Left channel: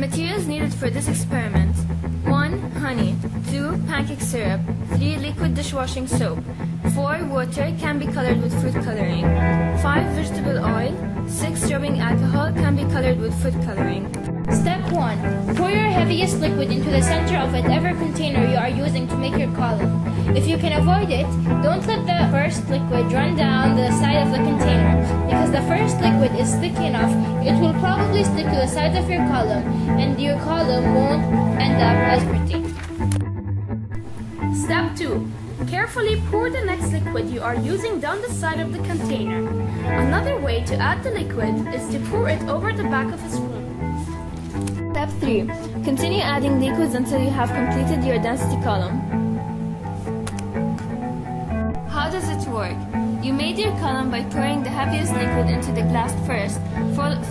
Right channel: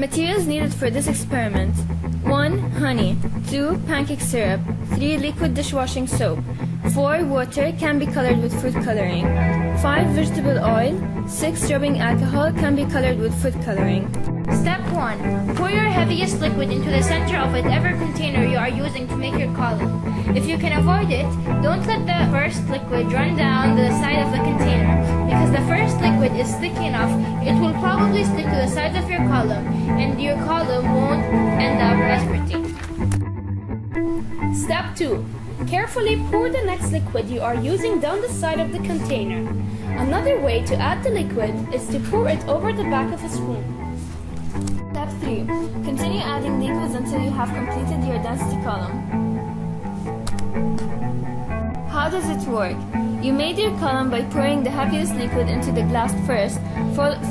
Materials needed for this experiment: 1. Honey. 2. Pancake syrup. 3. Liquid dishwashing soap. 4. Water, can be colored with food coloring. 5. Vegetable oil. 6. Rubbing alcohol, can be colored with food coloring. Step 1. Pour your heaviest liquid into the center of whatever container you are using to make your column. If you can avoid it, don't let the first liquid run down the side of the container. Because the first liquid is thick enough, it will probably stick to the sides of your column, and your column won't end up as pretty. Step 2. Carefully pour the next liquid you are using down the side of the container. Another way to add the liquid is to pour it over the back of a spoon. Step 3. Continue adding liquids until you have completed your density column. How does it work? You made your column by pouring the heaviest liquid into the glass first,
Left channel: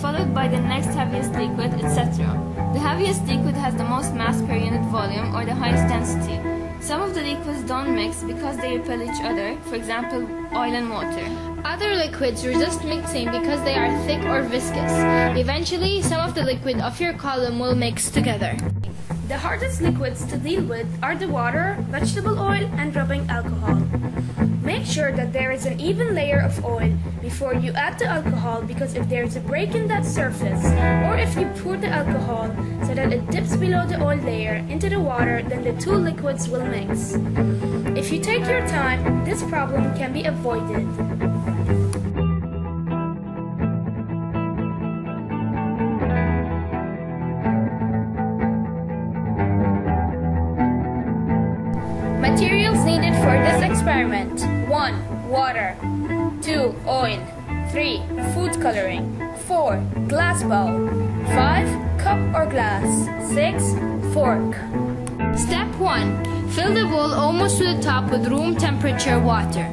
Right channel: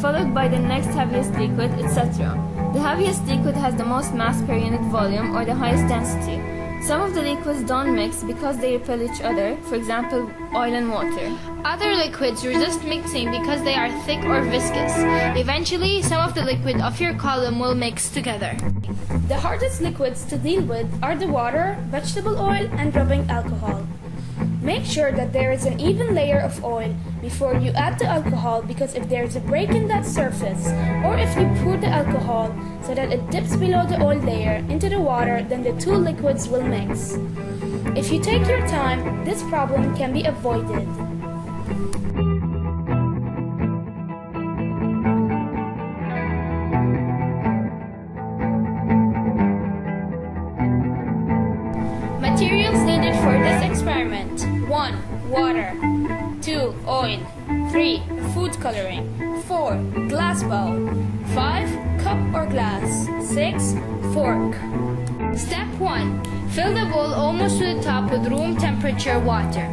followed by the next heaviest liquid, etc. The heaviest liquid has the most mass per unit volume, or the highest density. Some of the liquids don't mix because they repel each other, for example, oil and water. Other liquids resist mixing because they are thick or viscous. Eventually, some of the liquid of your column will mix together. The hardest liquids to deal with are the water, vegetable oil, and rubbing alcohol. Make sure that there is an even layer of oil before you add the alcohol, because if there is a break in that surface, or if you pour the alcohol so that it dips below the oil layer into the water, then the two liquids will mix. If you take your time, this problem can be avoided. Materials needed for this experiment: 1. Water. 2. Oil. 3. Food coloring. 4. Glass bowl. 5. Cup or glass. 6. Fork. Step 1. Fill the bowl almost to the top with room temperature water.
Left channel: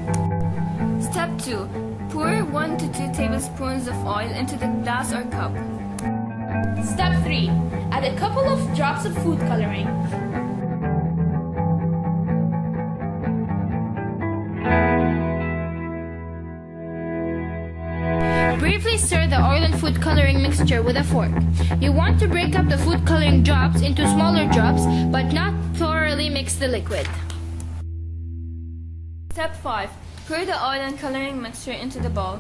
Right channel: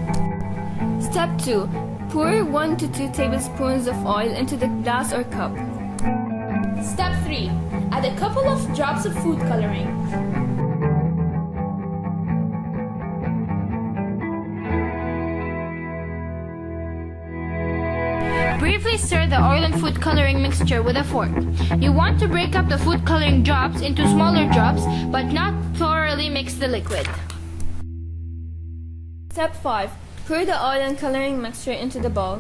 Step 2. Pour 1 to 2 tablespoons of oil into the glass or cup. Step 3. Add a couple of drops of food coloring. Briefly stir the oil and food coloring mixture with a fork. You want to break up the food coloring drops into smaller drops, but not thoroughly mix the liquid. Step 5. Pour the oil and coloring mixture into the bowl.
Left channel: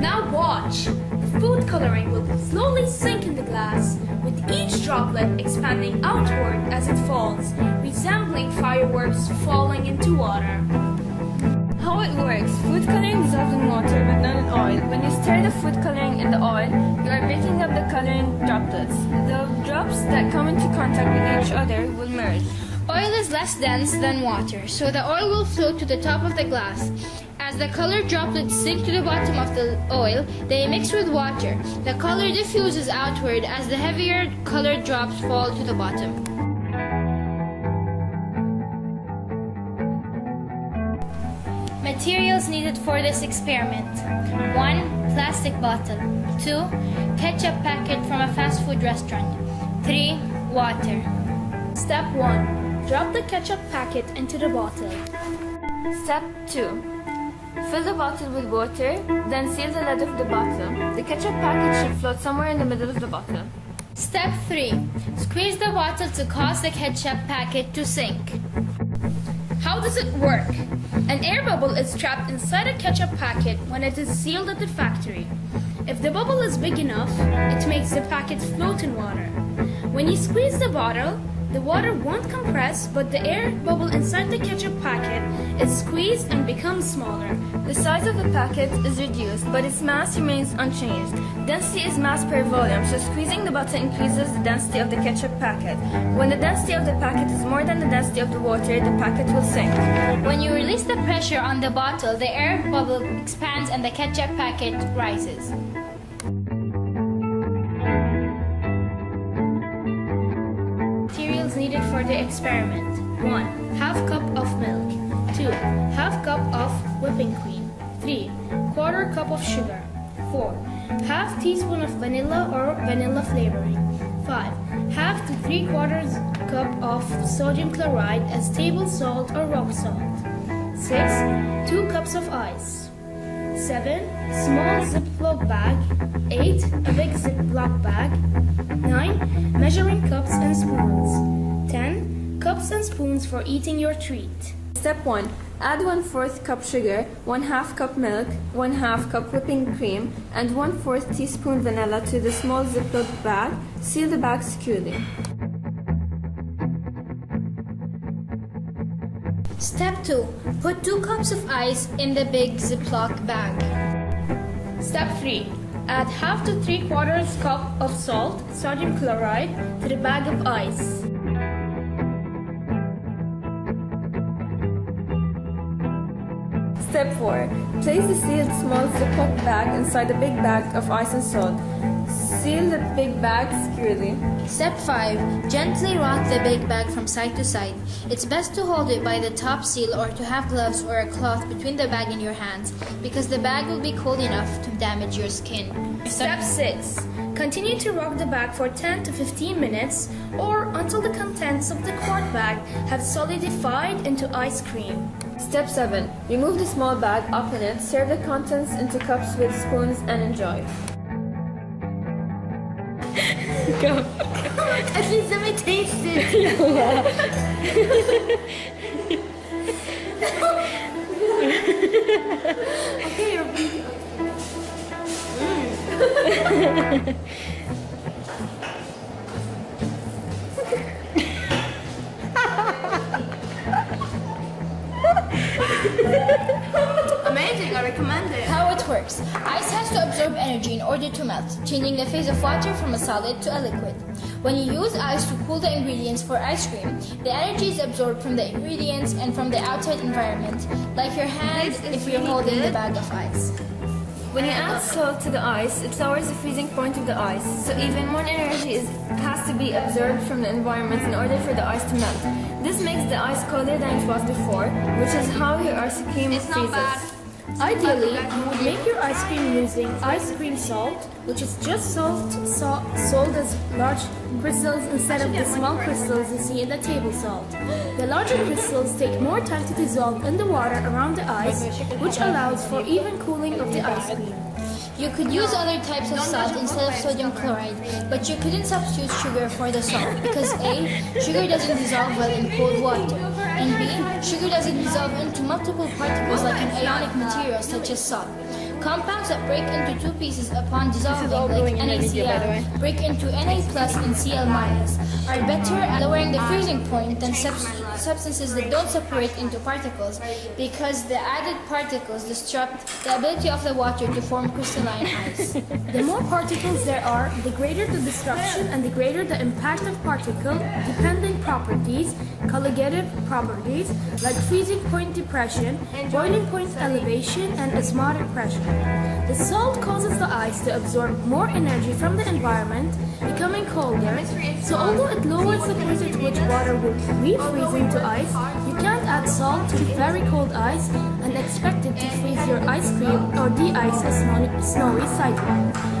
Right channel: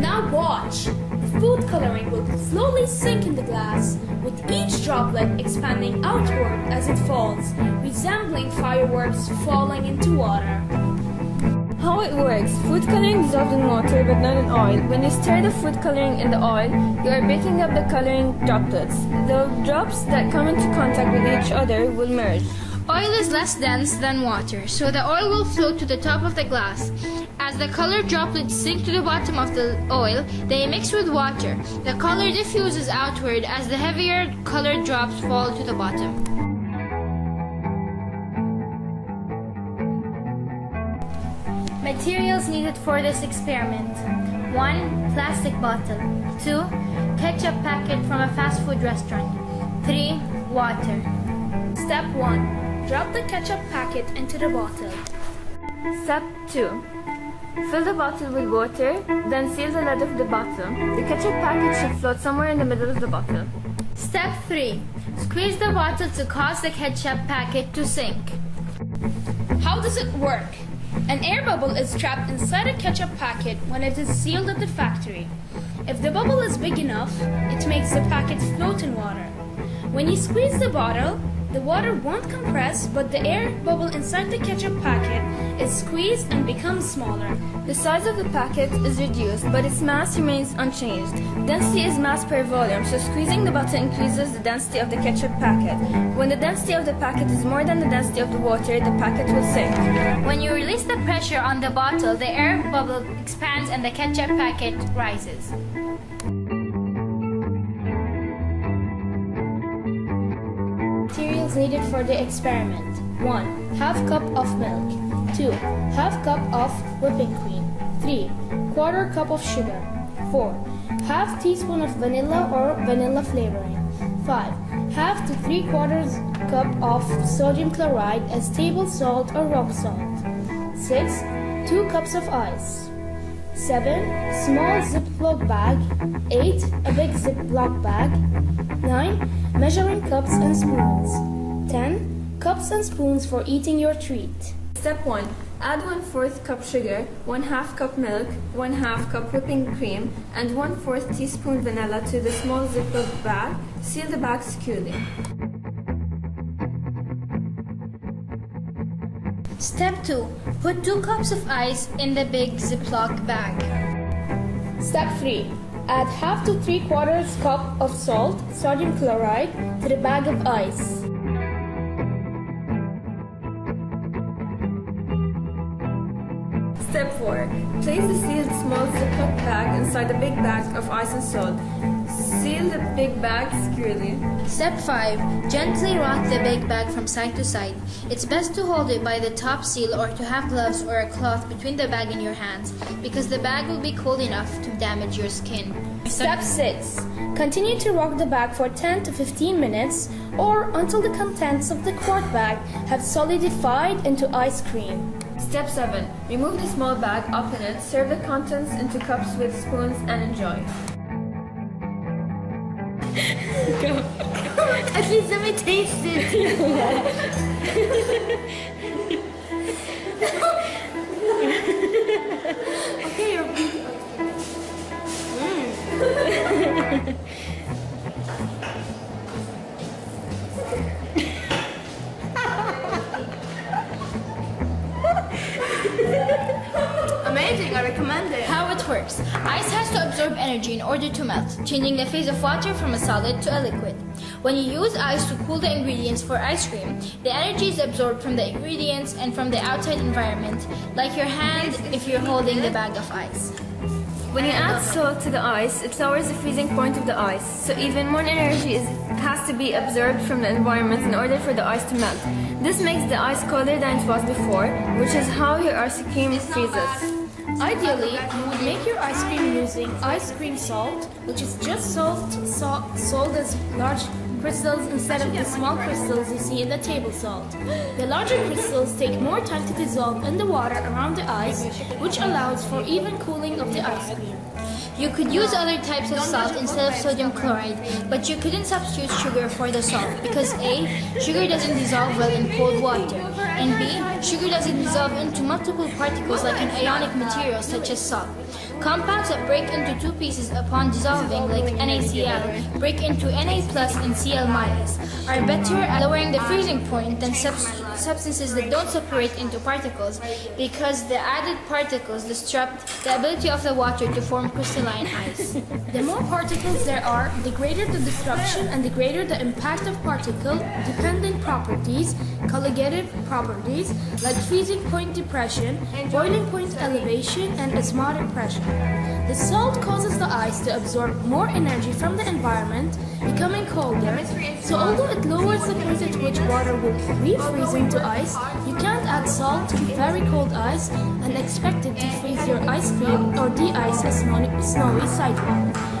Now watch! The food coloring will slowly sink in the glass, with each droplet expanding outward as it falls, resembling fireworks falling into water. How it works: food coloring dissolves in water but not in oil. When you stir the food coloring in the oil, you are breaking up the coloring droplets. The drops that come into contact with each other will merge. Oil is less dense than water, so the oil will float to the top of the glass. As the colored droplets sink to the bottom of the oil, they mix with water. The color diffuses outward as the heavier colored drops fall to the bottom. Materials needed for this experiment: 1. Plastic bottle. 2. Ketchup packet from a fast food restaurant. 3. Water. Step 1. Drop the ketchup packet into the bottle. Step 2. Fill the bottle with water, then seal the lid of the bottle. The ketchup packet should float somewhere in the middle of the bottle. Step 3. Squeeze the bottle to cause the ketchup packet to sink. How does it work? An air bubble is trapped inside a ketchup packet when it is sealed at the factory. If the bubble is big enough, it makes the packet float in water. When you squeeze the bottle, the water won't compress, but the air bubble inside the ketchup packet is squeezed and becomes smaller. The size of the packet is reduced, but its mass remains unchanged. Density is mass per volume, so squeezing the bottle increases the density of the ketchup packet. When the density of the packet is more than the density of the water, the packet will sink. When you release the pressure on the bottle, the air bubble expands and the ketchup packet rises. Materials needed for the experiment: 1. Half cup of milk. 2. Half cup of whipping cream. 3. Quarter cup of sugar. 4. Half teaspoon of vanilla or vanilla flavoring. 5. Half to 3/4 cup of sodium chloride as table salt or rock salt. 6. 2 cups of ice. 7. Small Ziploc bag. 8. A big Ziploc bag. 9. Measuring cups and spoons. 10. Cups and spoons for eating your treat. Step 1. Add 1/4 cup sugar, 1/2 cup milk, 1/2 cup whipping cream, and 1/4 teaspoon vanilla to the small Ziploc bag. Seal the bag securely. Step 2. Put 2 cups of ice in the big Ziploc bag. Step 3. Add half to 3/4 cup of salt, sodium chloride, to the bag of ice. Step 4. Place the sealed small Ziploc bag inside a big bag of ice and salt. Seal the big bag securely. Step 5. Gently rock the big bag from side to side. It's best to hold it by the top seal or to have gloves or a cloth between the bag and your hands because the bag will be cold enough to damage your skin. Step 6. Continue to rock the bag for 10 to 15 minutes or until the contents of the quart bag have solidified into ice cream. Step 7. Remove the small bag, open it, serve the contents into cups with spoons, and enjoy. Go. At least let me taste it. Okay, you're amazing, I recommend it. How it works. Ice has to absorb energy in order to melt, changing the phase of water from a solid to a liquid. When you use ice to cool the ingredients for ice cream, the energy is absorbed from the ingredients and from the outside environment, like your hand if you're holding the bag of ice. When you add salt to the ice, it lowers the freezing point of the ice, so even more energy has to be absorbed from the environment in order for the ice to melt. This makes the ice colder than it was before, which is how your ice cream freezes. Ideally, you would make your ice cream using ice cream salt, which is just sold as large crystals instead of the small crystals you see in the table salt. The larger crystals take more time to dissolve in the water around the ice, which allows for even cooling of the ice cream. You could use other types of salt instead of sodium chloride, but you couldn't substitute sugar for the salt because A. Sugar doesn't dissolve well in cold water, and B. Sugar doesn't dissolve into multiple particles like an ionic material such as salt. Compounds that break into 2 pieces upon dissolving, like NaCl, break into Na plus and Cl minus, are better at lowering the freezing point than substances that don't separate into particles because the added particles disrupt the ability of the water to form crystalline ice. The more particles there are, the greater the disruption and the greater the impact of particle-dependent properties, colligative properties, like freezing point depression, boiling point elevation, and osmotic pressure. The salt causes the ice to absorb more energy from the environment, becoming colder, so although it lowers the point at which water will refreeze into ice, you can't add salt to very cold ice and expect it to freeze your ice cream or de-ice a snowy sidewalk.